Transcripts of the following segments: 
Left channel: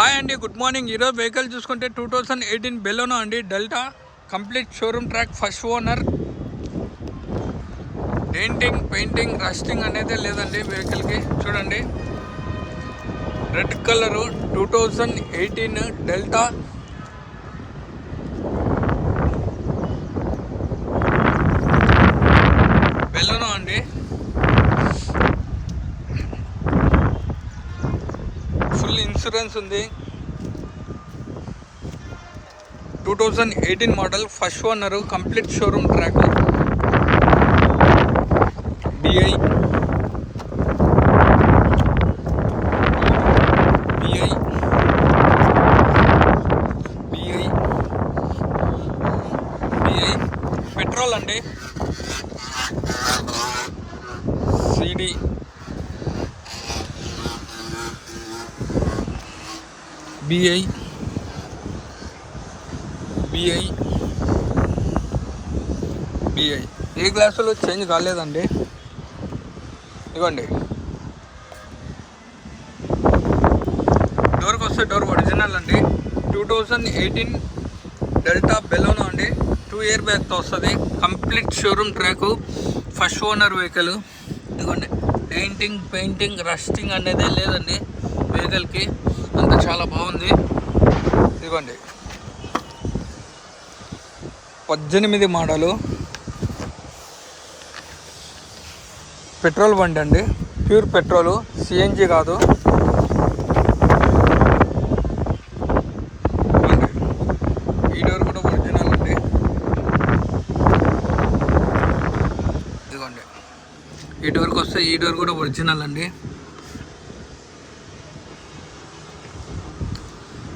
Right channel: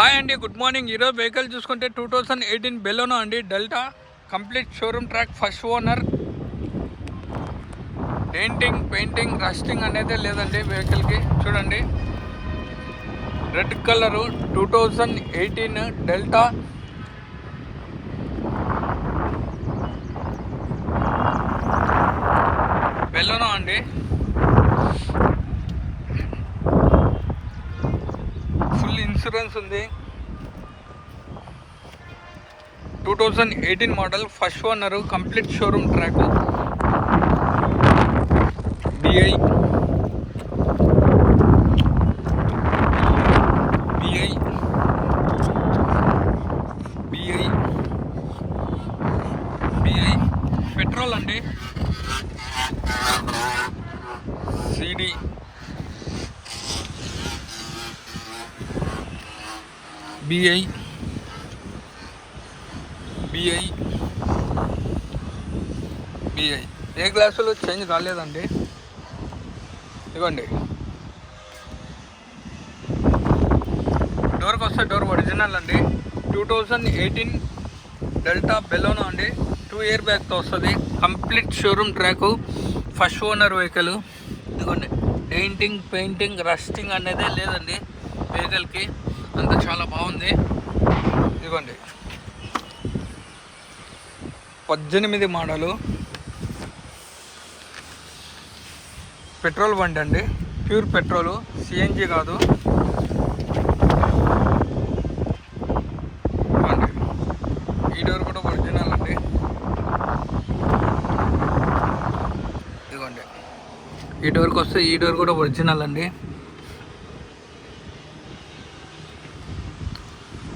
Hi అండి, good morning. ఈరోజు vehicle చూసుకుంటే 2018 బెలోనో అండి, Delta complete showroom track, first owner. Denting, painting, rusting అనేది లేదండి వెహికల్కి. చూడండి, రెడ్ కలరు 2018 డెల్టా బెలోనో అండి. ఫుల్ ఇన్సూరెన్స్ ఉంది. 2018 model, first owner, complete showroom track. బిఐ బిఐ బిఐ బిఐ పెట్రోల్ అండి. సిడి బిఐ బిఐ బిఐ ఏ గ్లాసులు చేంజ్ కాలేదండి. ఇదిగోండి, డోర్కి వస్తే డోర్ ఒరిజినల్ అండి. 2018 డెల్టా బెలోనో అండి. 2 ఇయర్ బ్యాగ్తో వస్తుంది. Complete showroom track, first owner vehicle. ఇదిగోండి, పెయింటింగ్, రస్టింగ్ అనేది లేదండి వెహికల్కి. అంతా చాలా బాగుంది. ఇదిగోండి, 18 మోడలు, పెట్రోల్ బండి అండి. ప్యూర్ పెట్రోలు, సిఎన్జి కాదు. ఈ డోర్ కూడా ఒరిజినల్ అండి. ఇదిగోండి, ఈ డోర్కి వస్తే ఈ డోర్ కూడా ఒరిజినల్ అండి.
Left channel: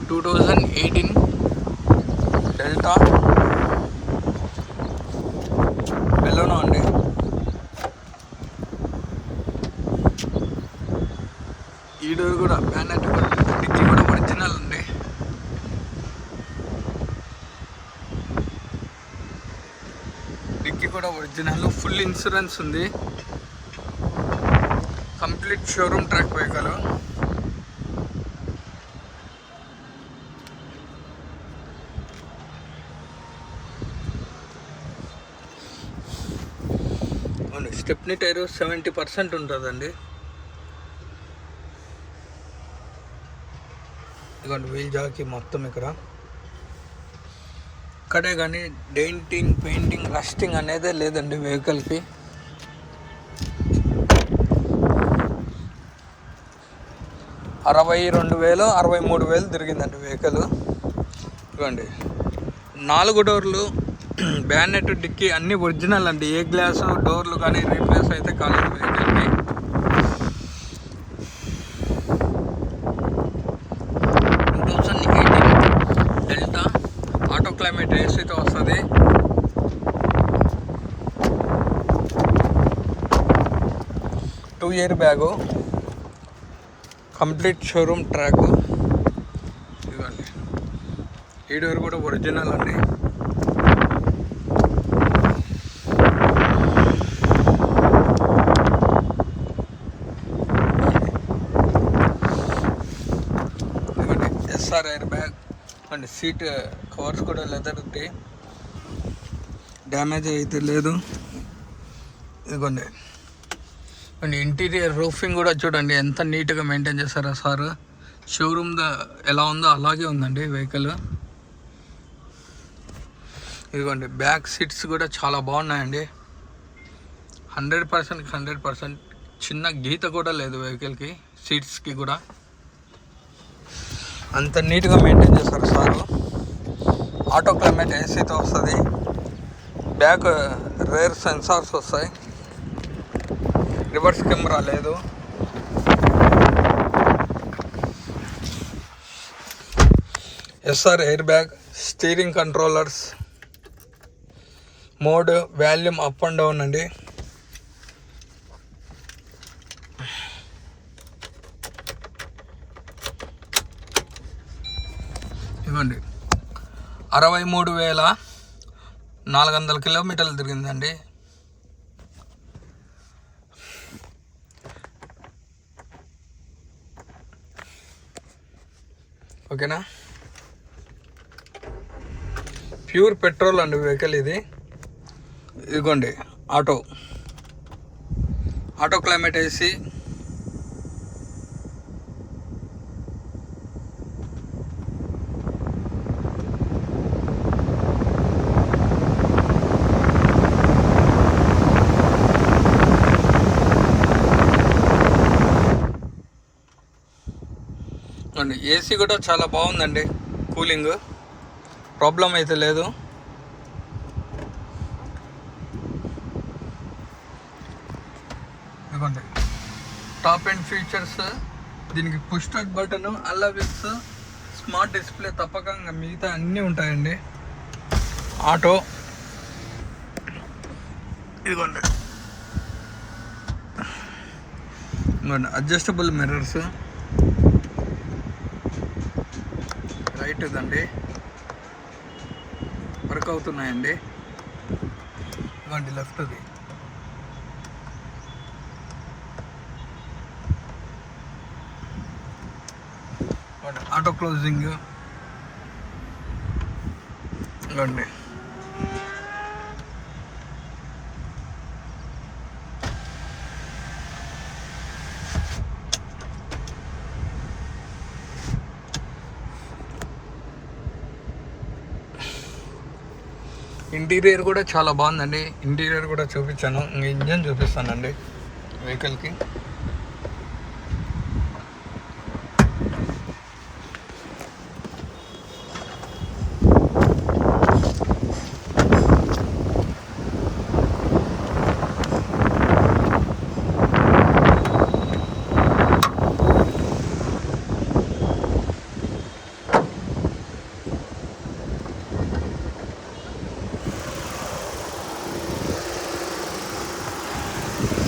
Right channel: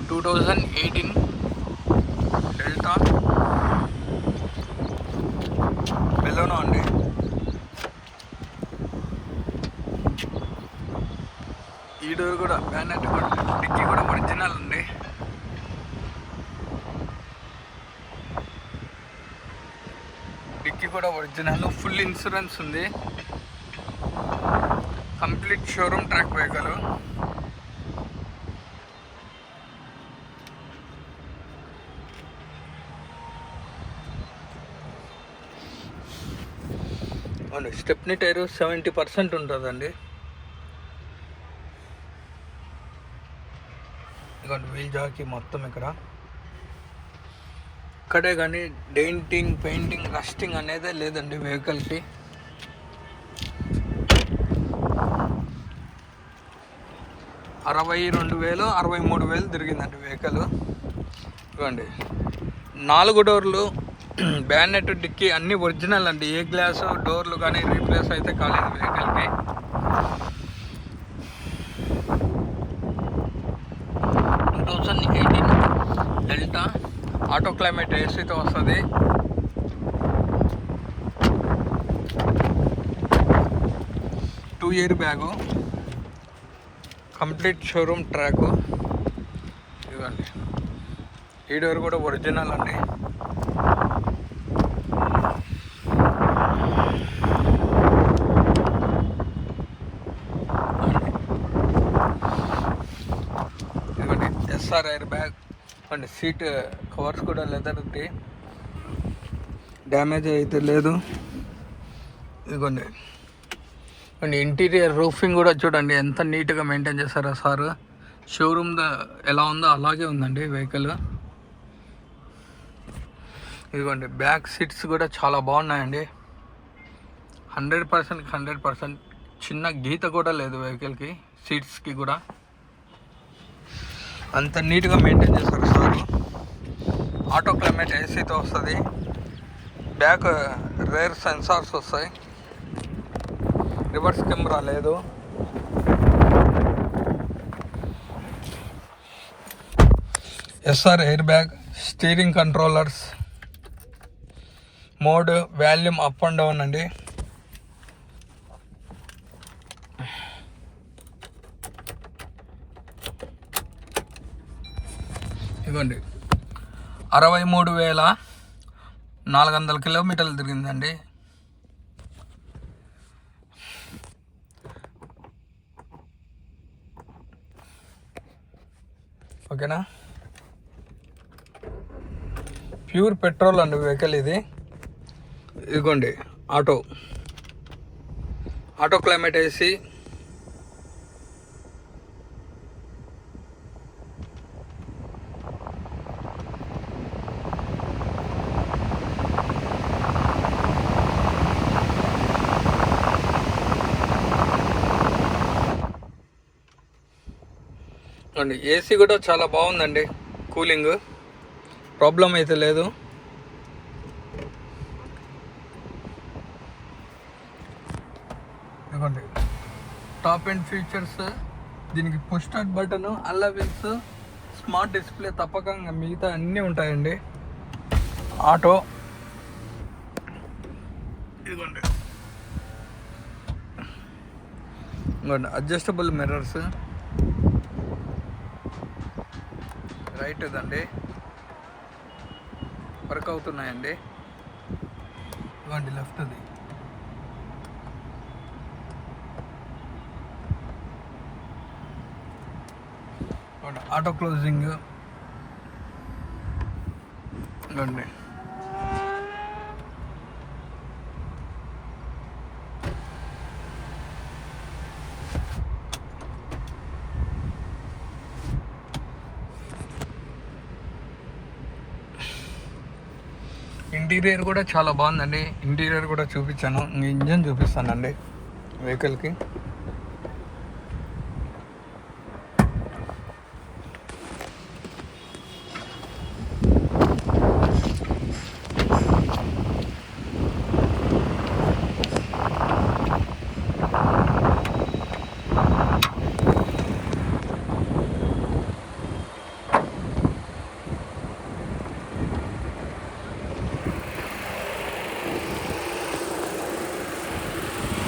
2018 డెల్టా బెలోనో అండి. ఈ డోర్ కూడా, బ్యానెట్ కూడా, డిక్కీ కూడా ఒరిజినల్ అండి. డిక్కీ కూడా ఒరిజినల్, ఫుల్ ఇన్సూరెన్స్ ఉంది. Complete showroom track vehicle. అవును, స్టెప్నీ టైరు 70% ఉంటుందండి. ఇదిగోండి, వీల్ జాకీ మొత్తం ఇక్కడే కానీ డెంటింగ్, పెయింటింగ్, రస్టింగ్ అనేది లేదండి వెహికల్కి. $62,000 $63,000 తిరిగిందండి వెహికల్. ఇదిగోండి, 4 డోర్లు, బ్యానెట్, డిక్కీ అన్నీ ఒరిజినల్ అండి. ఏ గ్లాసు డోర్లు కానీ రీప్లేస్ అయితే కాలేదు వెహికల్కి. డెల్టా ఆటో క్లైమేట్ ఏసీతో వస్తుంది. Two air bag, complete showroom track. ఇదిగోండి, ఈ డోర్ కూడా ఒరిజినల్ అండి. ఇదిగోండి, SR air bag and seat covers కూడా లెదర్ ఉంటాయి, డ్యామేజ్ అయితే లేదు. ఇదిగోండి, అండ్ ఇంటీరియర్ రూఫింగ్ కూడా చూడండి ఎంత నీట్గా మెయింటైన్ చేస్తారో సార్. షోరూమ్ ఎలా ఉందో అలాగే ఉందండి వెహికల్. ఇదిగోండి, బ్యాక్ సీట్స్ కూడా చాలా బాగున్నాయండి. 100% చిన్న గీత కూడా లేదు వెహికల్కి. సీట్స్కి కూడా అంత నీట్గా మెయింటైన్ చేస్తారు సారు. ఆటో క్లైమేట్ ఏసీతో వస్తుంది. బ్యాక్ రేర్ సెన్సార్స్ వస్తాయి. రివర్స్ కెమెరా లేదు. SR air bag, steering controllers, mode volume up and down అండి. ఇవ్వండి, 63,400 కిలోమీటర్లు తిరిగిందండి. ఓకేనా. ప్యూర్ పెట్రోల్ అండి వెహికల్ ఇది. ఇదిగోండి ఆటో క్లైమేట్ ఏసీ, అండి ఏసీ కూడా చాలా బాగుందండి, కూలింగ్ ప్రాబ్లం అయితే లేదు. ఇదిగోండి టాప్ అండ్ ఫీచర్స్, దీనికి పుష్ స్టార్ట్ బటన్, అల్లా వీల్స్, స్మార్ట్ డిస్ప్లే, తప్పక మిగతా అన్నీ ఉంటాయండి. ఆటో ఇదిగోండి అడ్జస్టబుల్ మిర్రర్స్, రైట్ ఇదండి వర్క్ అవుతున్నాయండి. ఇవ్వండి లెఫ్ట్ అది. ఆటో క్లోజింగ్ ఇవ్వండి. ఇంటీరియర్ కూడా చాలా బాగుందండి. ఇంటీరియర్ కూడా చూపించాను, ఇంజన్ చూపిస్తానండి వెహికల్కి.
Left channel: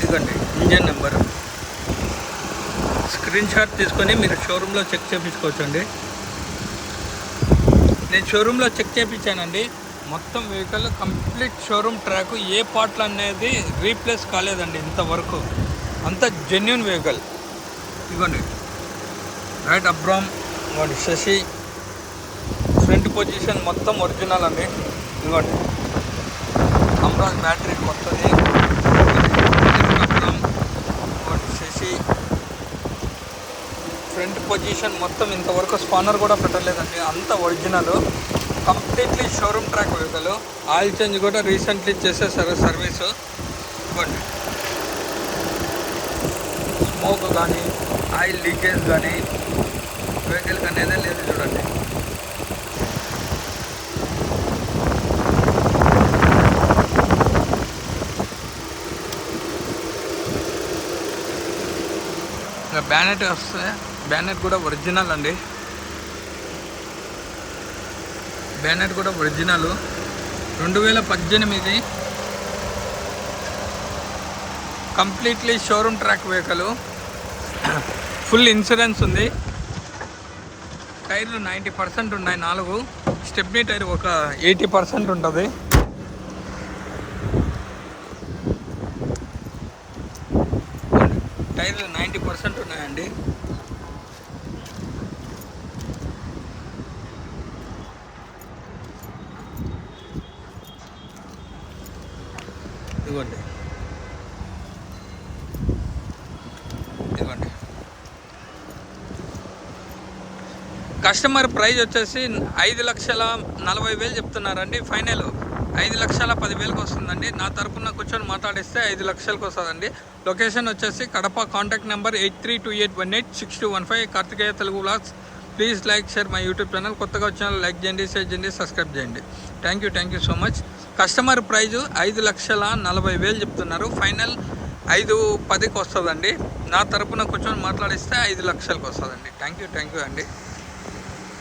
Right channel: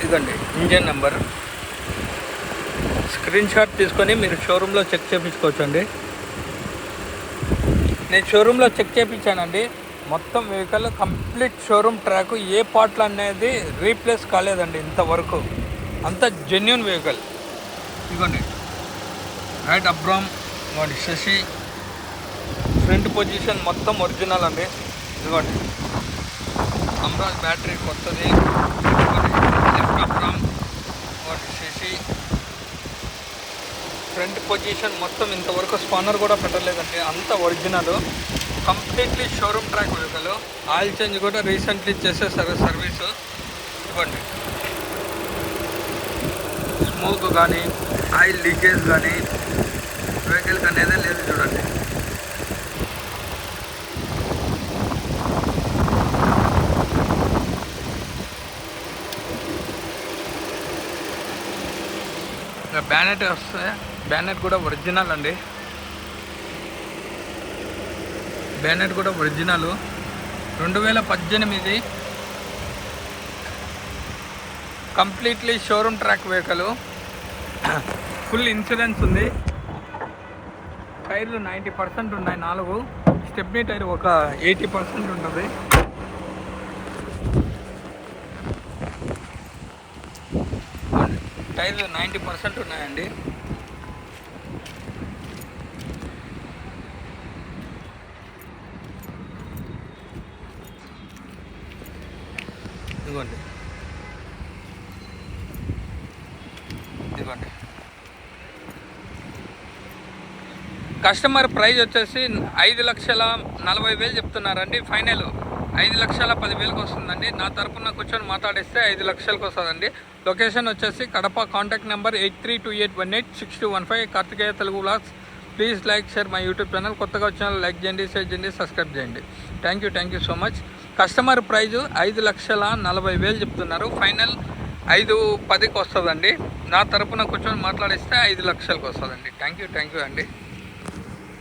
ఇదిగోండి ఇంజన్ నెంబర్, స్క్రీన్ షాట్ తీసుకొని మీరు షోరూంలో చెక్ చేయించుకోవచ్చు అండి. నేను షోరూంలో చెక్ చేయించానండి. మొత్తం వెహికల్ కంప్లీట్ షోరూమ్ ట్రాక్, ఏ పార్ట్లు అనేది రీప్లేస్ కాలేదండి ఇంతవరకు. అంత జెన్యూన్ వెహికల్. ఇదిగోండి రైట్ అబ్రామ్, ఇదిగోండి శశి, ఫ్రంట్ పొజిషన్ మొత్తం ఒరిజినల్ అండి. ఇదిగోండి అమ్రాజ్ బ్యాటరీ కొత్తది, శశి ఫ్రంట్ పొజిషన్ మొత్తం ఇంతవరకు స్పానర్ కూడా పెట్టలేదండి, అంత original. Completely showroom track vehicle. Oil change కూడా రీసెంట్లీ చేసేసారు సర్వీసు. ఇవ్వండి స్మోక్ కానీ ఆయిల్ లీకేజ్ కానీ వెహికల్కి అనేది లేదు చూడండి. బ్యానెట్ వస్తే బ్యానెట్ కూడా ఒరిజినల్ అండి. బ్యానెట్ కూడా original 2018 completely showroom track vehicle. Full insurance ఉంది. టైర్లు 90% ఉన్నాయి, 4. స్టెప్నీ టైర్ ఒక 80% ఉంటుంది. టైర్లు 90% ఉన్నాయండి. ఇదిగోండి కస్టమర్ ప్రైస్ వచ్చేసి 5,40,000 చెప్తున్నారండి. ఫైనల్ 5,10,000కి వస్తుందండి. నా తరపున కూర్చొని మాట్లాడిస్తే 5 లక్షలకు వస్తుందండి. లొకేషన్ వచ్చేసి Kadapa. Contact number 8328186215. Karthikeya Telugu vlogs. Please like, share my YouTube channel. కొత్తగా వచ్చిన లైక్ చేయండి, షేర్ చేయండి, సబ్స్క్రైబ్ చేయండి. Thank you so much. Customer price 5,40,000 చెప్తున్నారు. ఫైనల్ 5,10,000కి వస్తుందండి. నా తరపున కూర్చొని మాట్లాడిస్తే 5 లక్షలకు వస్తుందండి. థ్యాంక్ యూ అండి.